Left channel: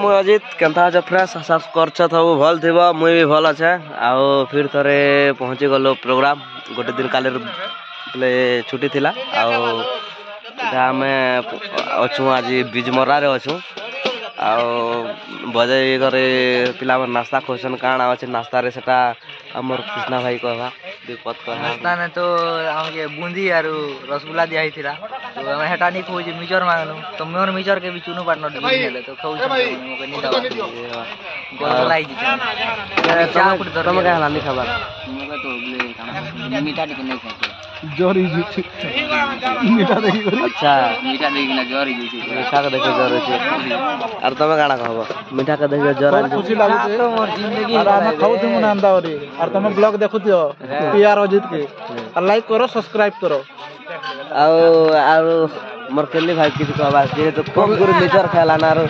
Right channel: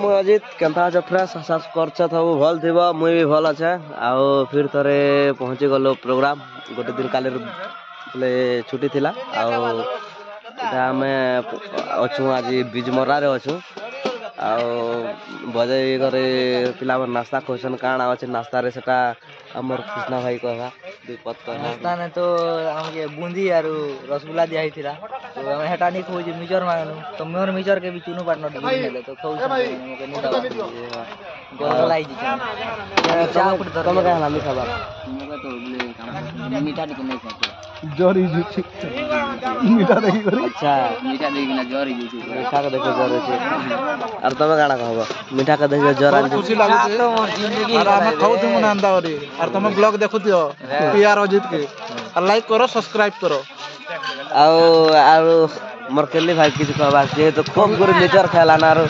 मुई अजित केनता अछ फ्रेश आशा करछ सब भल थिबो मुई भी भल अछे आउ फिर थरे पहुंची गलो प्रोग्राम गोटे दिन काले बोले छुट्टी थिला आउ इटा हमें अछु आज बिजमरा रे अछु आउ बजे करे पिला मन नाश्ता खोसन काण अछि नाश्ता रे सेटा हमर कृष्णा भाई कहवा विपत कहवा नाश्ता में तो हमके बूंदी आरु रसगुल्ला दिया ही थिला तो हम हेटा नहीं खोज मिचर मांगनु तो मोर मिचर के भी चुनु पार्टनर दिले नेले तो खाउ छ मके नि दवा गोलगोलाई जी चा फुट दर तुम कहला नि खबर मके तो बोले काना मीठा दिके नहीं खाते जोरी मीठा देखि करी अच्छा मीठा देखि ना जोरी जी मीठा के देखि जोर छै आर तमे काना कहबो मीठा के देखि जोर खुशी लागै तो मोर जिंदगी और हम खाउ तुम नंदा और तुम ब्लॉग देखुतियो पीआर अजित के और लाइक करो सब्सक्राइब करो आउ मोर केली भाई किछ कहबा जे तो खूब गुरु मिचर खाला ना रो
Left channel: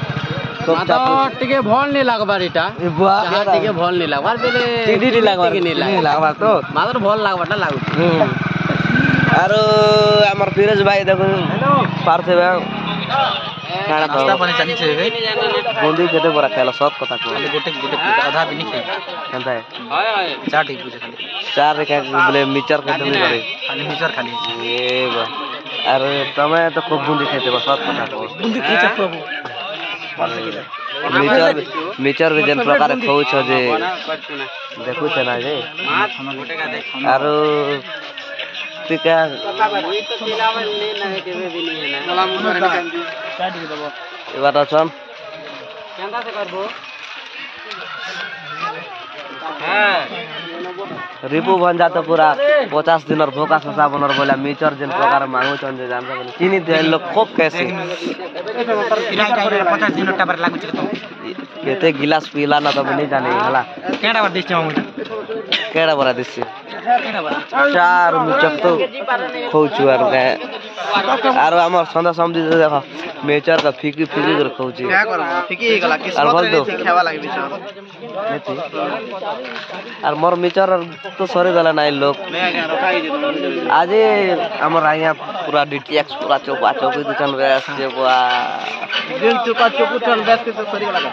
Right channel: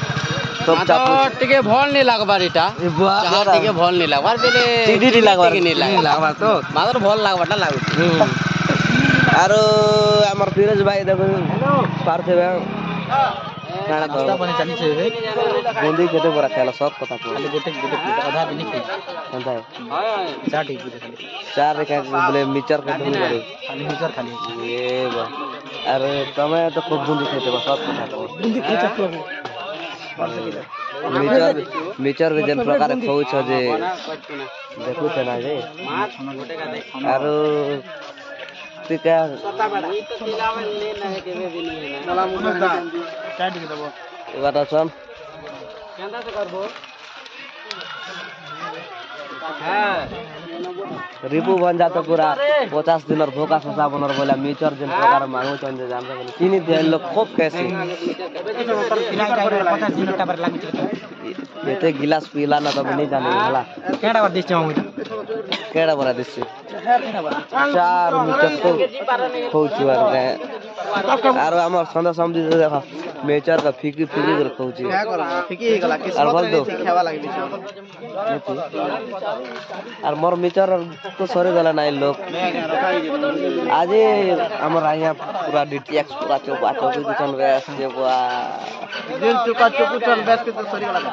माता टिके भल नहीं लागबार इटा चाहा टिके भल नहीं लागबार बेले टिडी लागबार नहीं लागबार तो मात्र भल लागबाटा लागु आरो हमर फिरोज भाई देखो पारथेबे काना नाश्ता पानी चाली छे बूंदी केते बरा खाला सब कथा को खाली गोटे आधा भी नहीं खाई केनता है चाट ही पूजे खाली चार रे का बोले मिचर के तुम करे खाली मिचर खाली ए बा अरे तमे तो खूब बूंदी खाते बस सब कथा को बूंदी खाई प्रभु मिचर रे जन प्रकार खाउ छ जे देखु छ ना जे आरो पिका मुई तो खिलावे ले ना है केबे भी नहीं है ना मला चाट के दबो ए बात छन केंदा से करबो हां रिपु बन जात पूरा 50 दिन और भोका ससा बनर बोला मिचर जन प्रकार मांगु छन जे जान सकन चीनी दे लोग खूब कैसे किराय चाहिए 50 दिन टाबर लागु छ तो केते गिलास पीला ना तो नहीं जाने हला केडा बर दिस केडा बरा दिस चार मिचर तो खोचु आर हमर संदा समझी देखो मेचर का फीकी कर खोचु क्या करबो फीकी गला किस्मत रे खावा लागे बिचार नेती आर मोर मिचर तो सरे गला नाइ लोग आज हमर आया पूरा डीटीएक्स पूरा चौपा चौकी दुकान रे आसे बुआ दिन चौका चौकी चल बस के तो सरी गला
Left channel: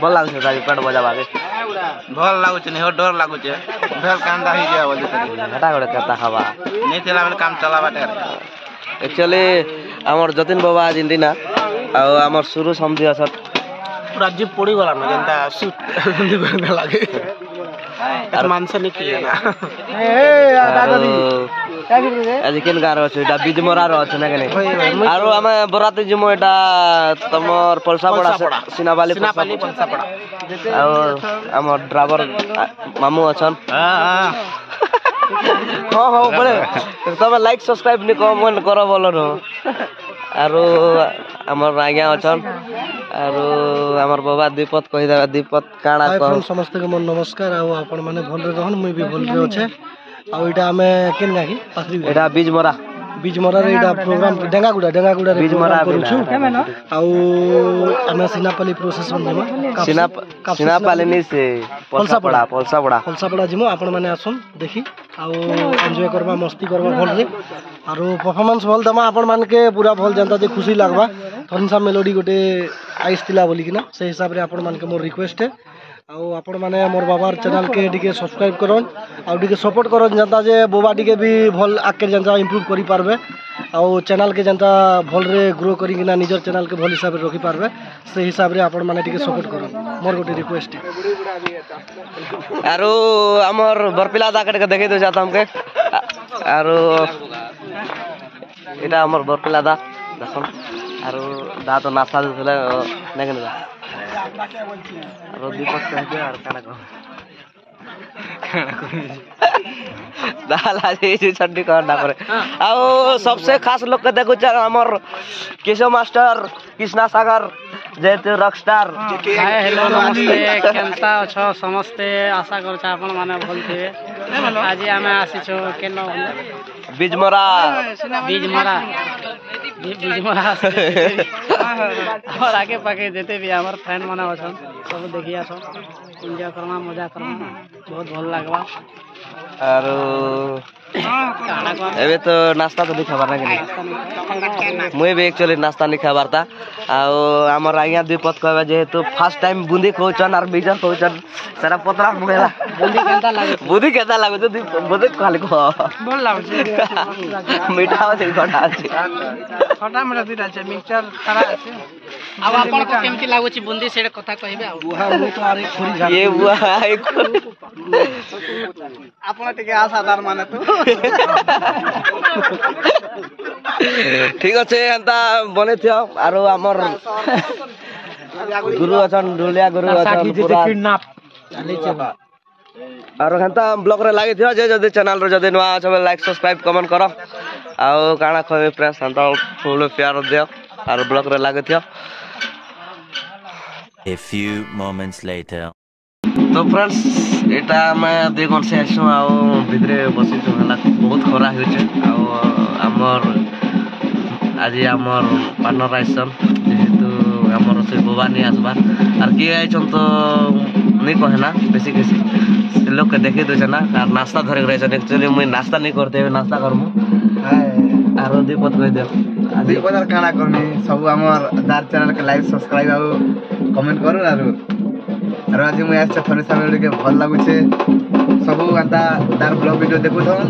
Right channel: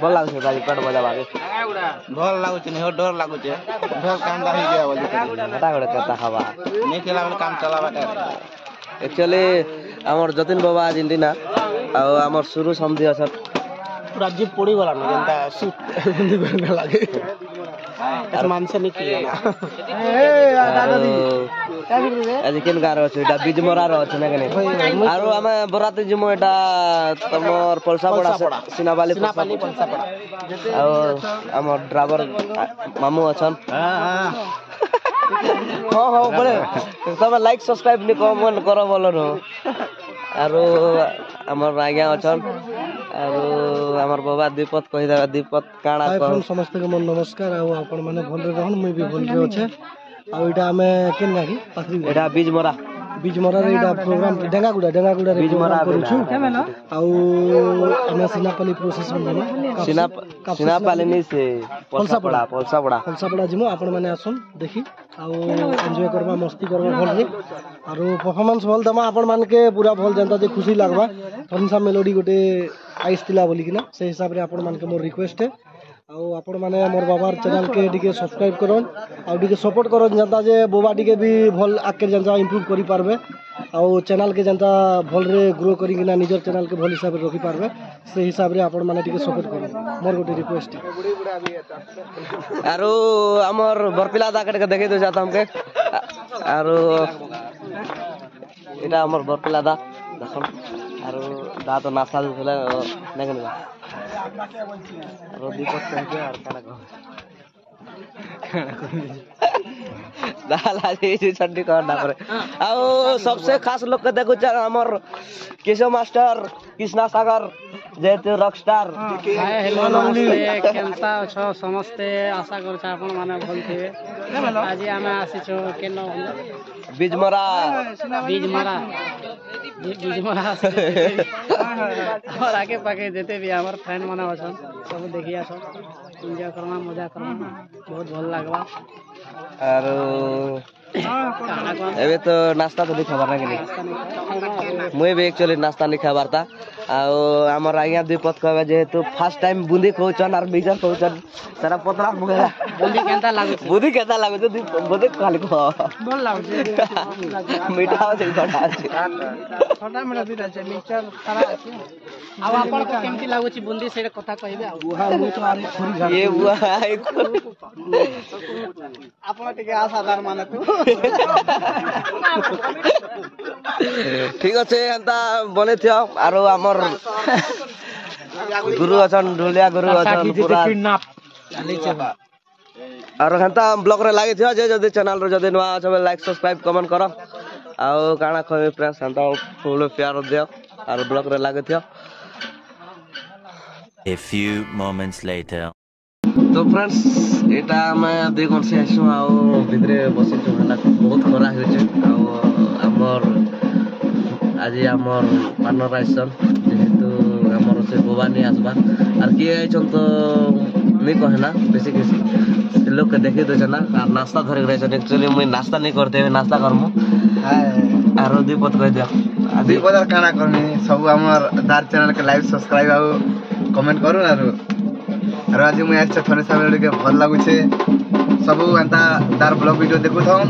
भल लागु छ गाड़ी पेट बजा भागे भल लागु छ हो डर लागु छ भेल कांदा ही गया बोले तरी हटा गडे कता खावा नहीं चला बेले काम चला बाटे एक्चुअली हमर जतिन बाबा आज इंदिना आ हमर शुरू समझी असत पूरा जीप पड़ी गला न जनता सूट लागे আর মানছে নাকি না আজি কেন গার আছে এটা বিজমরার আছে না কেনে আর আমি বরাতে জিমো এটা তোমার পলসাপড়া সিনাবালি পলসাপড়া আর আমার ড্রাইভার মামু আছেন হ্যাঁ বলে তুমি লাইক সাবস্ক্রাইব নি কমেন্ট করো বলো ন আর আমার আজ্ঞা আছেন আর আমার বাবা দীপত কই দেবা দীপত কাଣା কহ সমস্ত के मन नमस्कार आ आपण माने भल रे रहन मुई भी भल रे अछे आ एटा हमें केन गाकी पाखरी एटा बीजमरा रे एटा प्रोग्राम डेंगागुडा रे बीजमरा करू छु आ हमें सिनापाली प्रोसेस में सिनापाली नि से पलसापड़ा जिमो आपण माने आसुन देखी आ एन्जॉय करबा मस्ती करबा भल रे आरो परफॉर्मेंस भल दमा आपण मान के पूरा भल जनता जे खुशी लागबा थनसा मेलोडी गोटे आइस तिला बोली कि ना से हिसाब रे आपण मान के मोर रिक्वेस्ट है आ आपण माने मोर बाबार चैनल के टिके सब्सक्राइब करन आ टिके सपोर्ट करन जनता जे बोबा टिके भी भल आके जनता इंप्रूव करि पारबे आ चैनल के जनता भल रे ग्रो करि कि ना निजर चैनल के भल हिसाब रे रखि पारबे से हिसाब रे आपण माने टिके सपोर्ट करन मोर गोटे रिक्वेस्ट है आरो हमर बरपिला दा के देखे दो जाता हमके आरो এটা আমার বরপিলা দা দেখুন আর দা তো নাচা দিছিল নেকেন দা আর দীপক কহে আর কানা কহ दाला जी छड्डी करना करे आओ सबसे खास लोग के देखो हमर केशव मास्टर कृष्णा सागर जेते रॉकस्टार हाय हेलो नमस्ते केनता छ समस्ते आशा कर छ अपन माने भल थिबे आज हमें आसी छ केनो बीजमरा और आगे पाके जेते भी हमर फ्रेंड माने अछन सब देखिया छ एंजॉय करमा मजा करमा बहुत भल लागबा आरो କାଣା କହ एबे तो नाश्ता तो नहीं खाबार ना कि मुई भी एक्चुअली नाश्ता नहीं खाबार था आउ हमर आज्ञा द्विपद कहबे जेहेतु फर्स्ट टाइम बुंदी खोचन और मिजर खोचन सारा पतला मुगेला ବୁନ୍ଦି କେନ୍ତା ଲାଗୁଛି बुद्धि केता लागो तो बुद्धि खाली को ଭଲ ଲାଗୁଛି मीठा আছে খটা আছে ଖଟା ମିଠା ଦୁଇଟା ଅଛି ମିକ୍ସଚର ଖାରା ଅଛି ଆଉ ଆପଣଙ୍କୁ କେମିତି ଲାଗୁଛି ବୁନ୍ଦି ସେଇଟା କଥା କହିବେ ଆଉ ये बुआ ଆପଣ ଟିକେ ଆଶାଦାର ମାନେ ତୁ ठीक अच्छे एंता बने थियो आरो हमर गुरु अछन ढोलिया गुरु अछन पूरा आरो हेंता ब्लॉग रे लागी थियो जे जदी चैनल रे जदी नवा छ लाइक सब्सक्राइब कमेंट करो आउ काना खबे फ्रेंड्स हेंता फुल प्यार दियो आरो ब्लॉग रे लागी थियो A few moments later. तो फ्रेंड्स एटा मैं 2 घंटा से आसु आउ भितरे बसी छु हला बहुत खरा होय छै आउ हमर आज हमर पार्टनर आइसन जेहेतु हमर से भवानी आसबा आर के आइछन तो नहीं कहे ना बेसी केसी से लोग के देखे दे ना आर नाश्ता धरे के रहछन एक्चुअली मुई नाश्ता नहीं करते नाश्ता करमु आरो दीपत कह दियो आदि बजार काना करनी सब हमर दार चैनल के लाइक सब्सक्राइब आउ कमेंट करू आरो आज मुझे आज थोड़े समय के भल लगुचे सब एंता तार ब्लॉग वीडियो देखु थन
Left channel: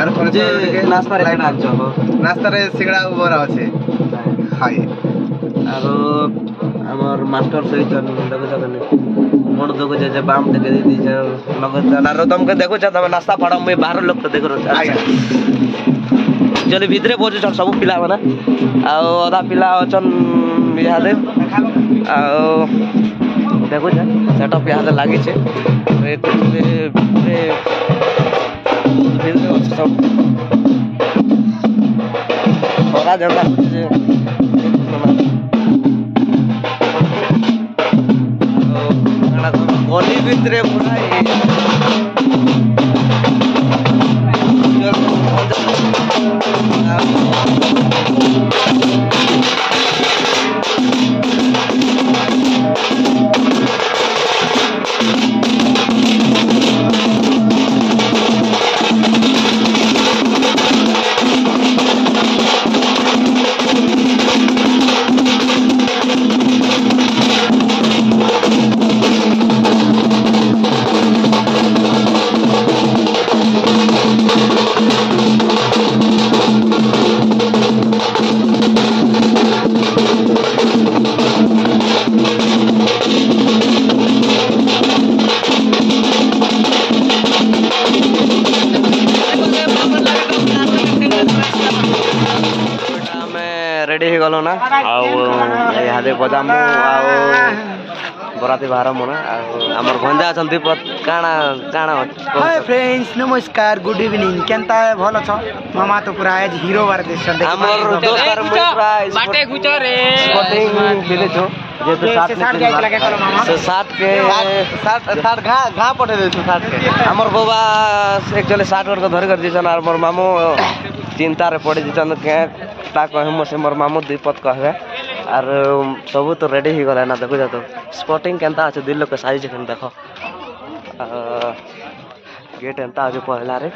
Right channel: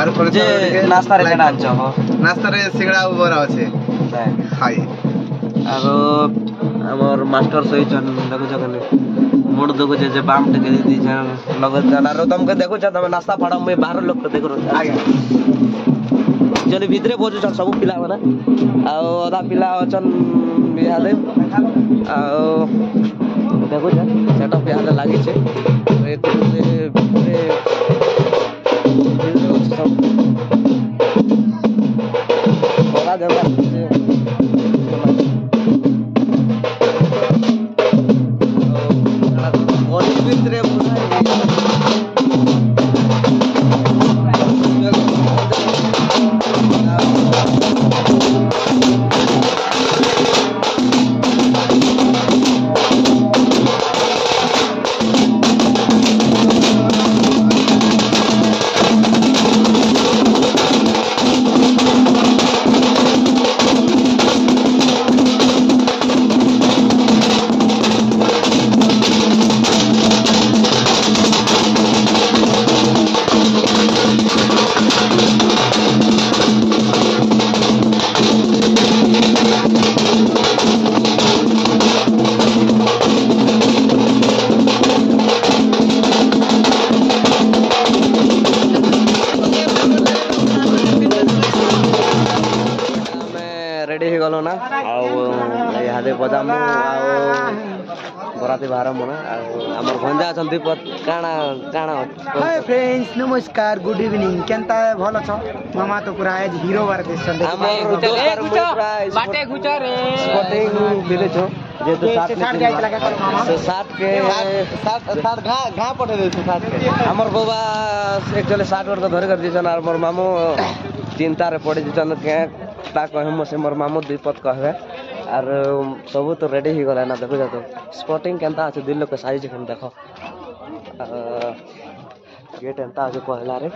आरो थोड़े समय के नाश्ता रे लाइक नाचो नाश्ता रे सिंगड़ा बरा अछि हाय आरो हमर मास्टर सही चन देखो जने मोड़ देखो जे बाम टेके दी जे नगद आरो तुमके देखो छ तमे नाश्ता फाड़ा मैं बाहर लोग तो देखो चली भितरे पहुंचे छन सब पिला माने आ आधा पिला अछन बिहादे आ देखो जा सेटअप यहाँ लगी है सब खरा जगह गली भितरे पूरा रेडी हो गलो ना आउ यहाँ बजामु आउ बराती बाहर मना आमर भंजा अछन दीपक काना काना हाय फ्रेंड्स नमस्कार गुड इवनिंग केनता भल छ मामा तो पूरा आज हीरो बार देसन आमर दोस्त आर मुई पूरा बाटे गुचो रे स्पोर्टिंग दिले छु जे तो 60 से 60 के 60 घा पठे दे छु 60 के हमर बाबा एक्चुअली 60 वर को धर कर दिसन आर मोर मामू चिंता रे पड़े दिसन के ता कहे मोर से मोर मामू दीपक कहबे आर सब तो रेडी ही गला ना देखो जा तो स्पोर्टिंग केनता আছে दिल के साइज केन देखो गेट एंता आज पहला रे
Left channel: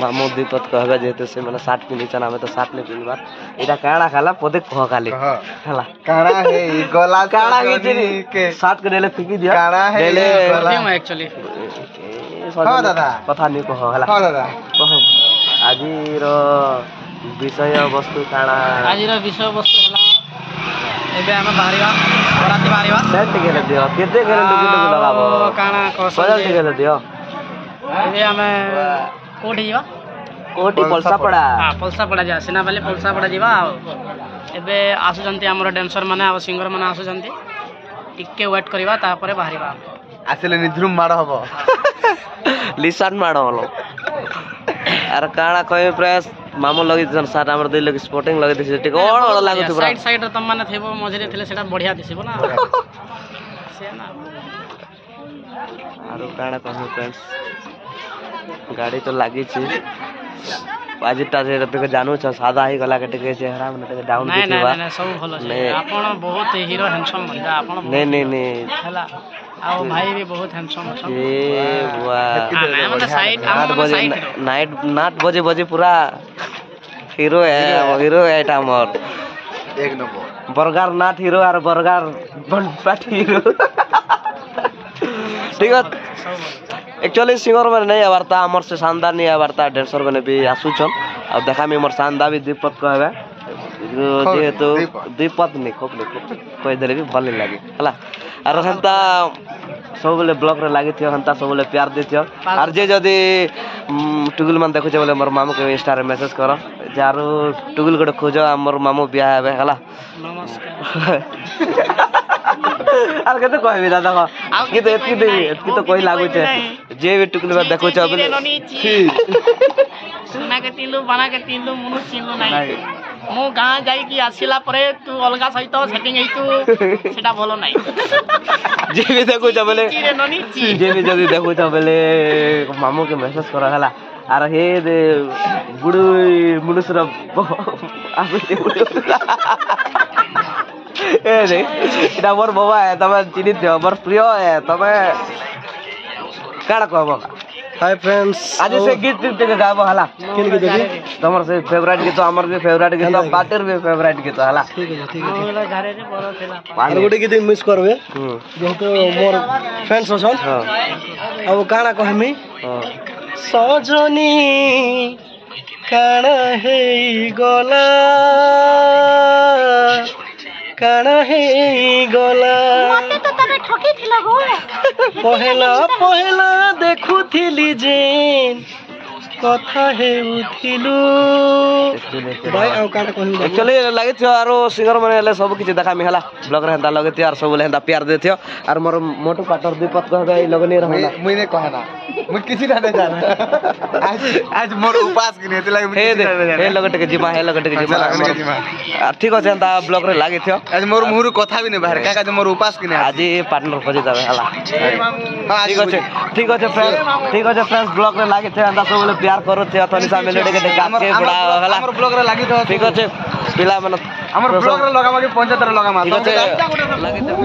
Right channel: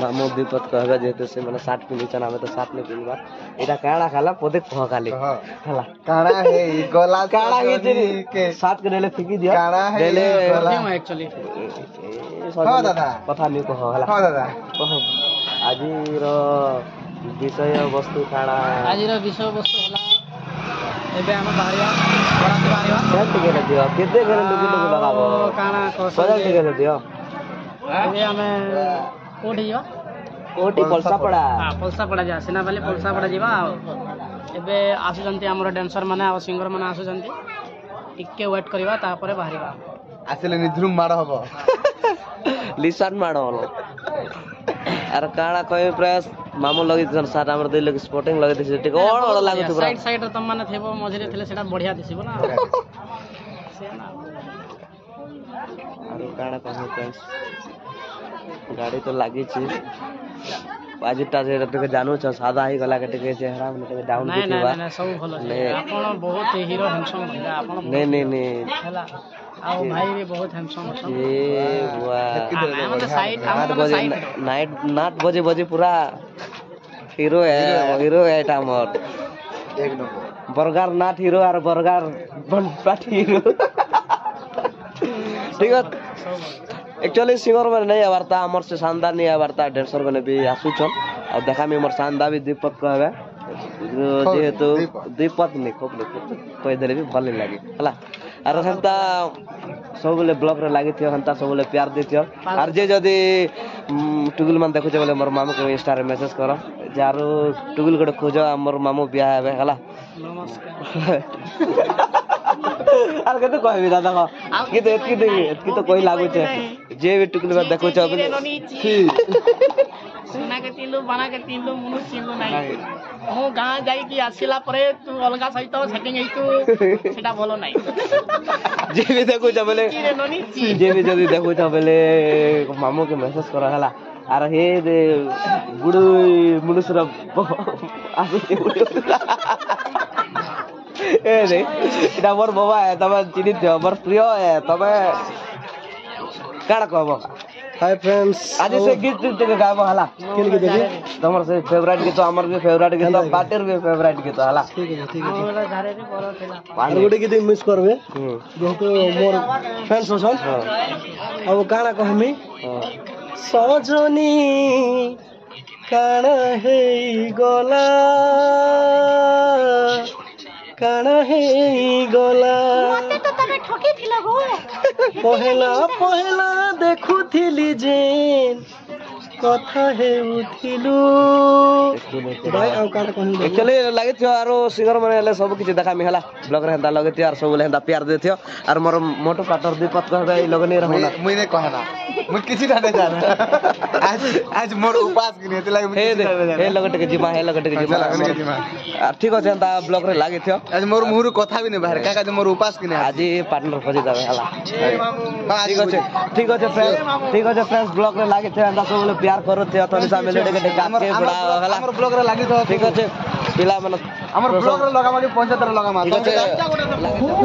मामू दीपक कहबे जेते से माने 60 पिनी चना में तो 60 नहीं पिनबा एटा काणा खाला पदे कह खाली हला काना है गला काणा के 60 के देले फिकी दिया काणा है देले क्यों एक्चुअली हां दादा कथा नहीं कह हला हां दादा कह आजिर विषय वस्तु काणा ଆଜିର ବିଷୟ ବସ୍ତୁ ହେଲା ଏବେ ଆମେ ବାହାରିବା ବରାତି ବାହାରିବା सेट गेले दियो केते गेले लुकी लुकी लगाबो କାଣା କସ सजल गेले दियो ଏବେ ଆମେ କୋଉଠି ଯିବା कोटी पलसा पड़ा ହଁ ପଲସା ପଡ଼ା ଯିବା ସିନାପାଲି ପଲସା ପଡ଼ା ଯିବା ଆଉ ଏବେ ଆସୁଛନ୍ତି ଆମର ଡ୍ୟାନ୍ସର ମାନେ ଆଉ ସିଙ୍ଗର ମାନେ ଆସୁଛନ୍ତି ଟିକେ ୱେଟ୍ କରିବା ତାପରେ ବାହାରିବା ଆସିଲେ ନିଧୁମ ମାଡ଼ ହବ लिसन माडो हलो अरे काणा कहे प्रयास मामू लगी जन साथ हमर दिल लगी स्पोर्टिंग लगी दिस टिक ओळ ओळ लागु छ ସାଇଡ୍ ସାଇଡ୍ ରେ ତମ ମାନେ ଥିବ ମଝିରେ ଥିଲେ ସେଟା ବଢିଆ ଦିଶିବ ନା ସେ ନା आरो काणा कहे फ्रेंड्स गाड़ी तो लागी छी आजिटा जे टिक जानू छ सादा ही गला के टिक चेहरा में टिक डाउन ନାଇଁ दिथिबा ନାଇଁ ନାଇଁ ସବୁ ଭଲ ଅଛି ଆପଣ ବହୁତ ହିରୋ ହ୍ୟାଣ୍ଡସମ୍ ମଣିଷ ଆପଣ नहीं नहीं नहीं ହେଲା ଆଉ ଭାଇ ବି ବହୁତ ହ୍ୟାଣ୍ଡସମ୍ ଅଛନ୍ତି। ଏ ବୁଆ ମାନେ ସାଇଡ୍ 8 बजे नाट बजे बजे पूरा हीरो है एटा मोर एक नंबर बर्गर नाट हीरो और बर्गर बनपाट हीरो ठीक है एक्चुअली सिंगर मैंने नहीं आवारता हमर से शानदार नहीं आवारता डांसर मैंने भी आसुचन और देखा मी हमर शानदार भी दीपक कहबे जेहेतु दीपक नहीं खूब कह देले भी भल लगे हला और हंता सब बोले ब्लॉग रे लागी थियो हंता सब बोले प्यार दी थियो और जे जदी टुगुल मन देखु बोले मोर मामू के इंस्टा रे मैसेज करो जारो टुगुल गोटे खोजो हमर मामू बियाह हेबे हला नमस्कार आर केते कहबी दादा को कि तो एतकी तो कोई लागु छे जे भी टुगुल में देखु छ बोले सुना के तीनलु बना के तीनलु मुनु चिनलु नाही मो गाँ जाइकी आसिला परे तू अलगा सहित सेटिंग हेतु सेटा भलो नाही जे भी देखु छ बोले जे भी जदी देखु छ बोले मामू के मैसेज करा हला आर हे दे बुडू मुनुसर आसे ए रे इटा मोर बाबा है तमे चिनि दियो मोर प्रिय है तमे काडा कहबो हाय फ्रेंड्स आज से गीत के गाबो हला किन के देखी तमर से फेवरेट गीत हमर भी फेवरेट गीत पार्टीर भी फेवरेट गीत हला ठीक है मोला घरे से बरो थिला और गोटे गीत मिस करबे जेहेतु मोर फ्रेंड्स अछन अब काना कहमी सजनी काना हे गला मते तो तमे ठकी थिला गो पहला देखुथिली जेन कथा हेउथिलु भाई आउ काटा कहनी एक्चुअली लागे थियो आरो सिंगर माने ले सब किछ देखा मी हला ब्लॉग रे हंदा लगे थियो आर सब ले हंदा प्यार दे थियो आर मोर मोटो पाटर दीपक कहबे लगने रहना मुई ने कहना मुई किछि ना जान आज मोर उपास के ने लागे हे लगटे के जिमा हे लगटे के जिमा ठीक अछि हंदा ब्लॉग रे लागे थियो आज मोर मुहरु कथा भी ने बाहर काका जे मोर उपास के ने आज पार्टनर खोजि दबे हला ठीक अछि फ्रेंड्स ब्लॉग रे लागे थियो हंदा सब ले प्यार करो थियो तनिसा मेलोडी के काट के बड़ा हला हमर ब्लॉग रे लागि तो ठीक अछि पिला मन हमर ब्लॉग रे लगामा के 75 लगामा ठीक अछि लागे थियो